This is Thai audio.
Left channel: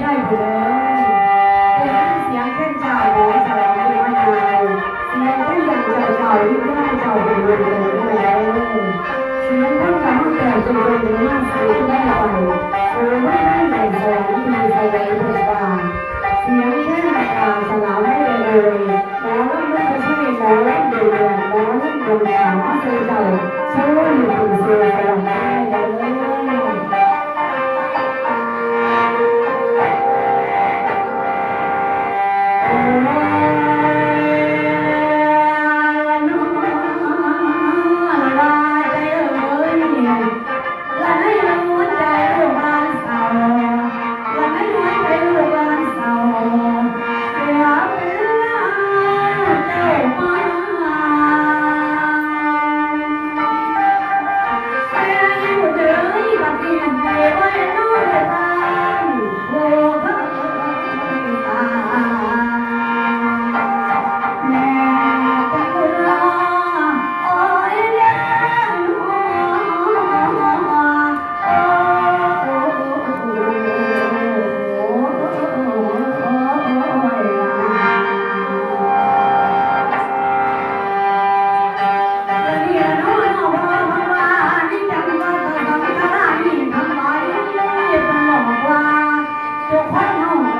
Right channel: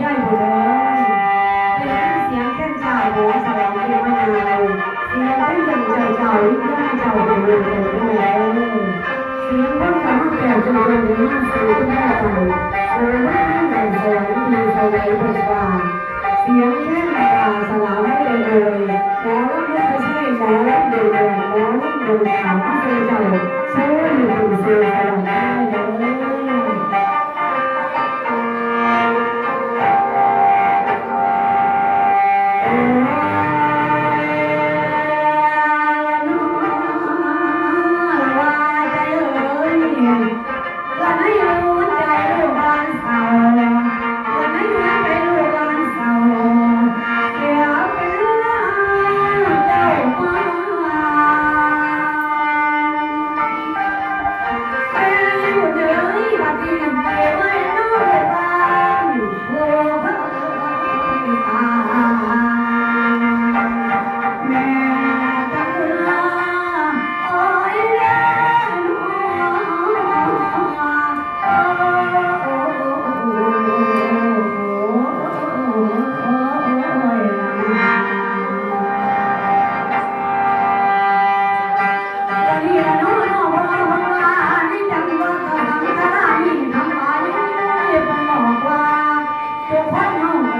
ใช่เลยแต่เสียงแค่ชายโบสถ์เสียงไม่นานเสียงก็ยังเจ้าๆย่าเจ้าเป็นเลยเสียงคนกับแก่จนนี่สูงแน่ใจสูงไม่ได้ในสวรรค์มีใครไว้เป็นกลางเสียงแค่ในกลางสลายไม่เลยหมอรับไม่ใช่หมอรับเดินหมอรับเดินขาไม่เคยเจ้าเชื่ออยู่ถึงเสียงกลางได้เลย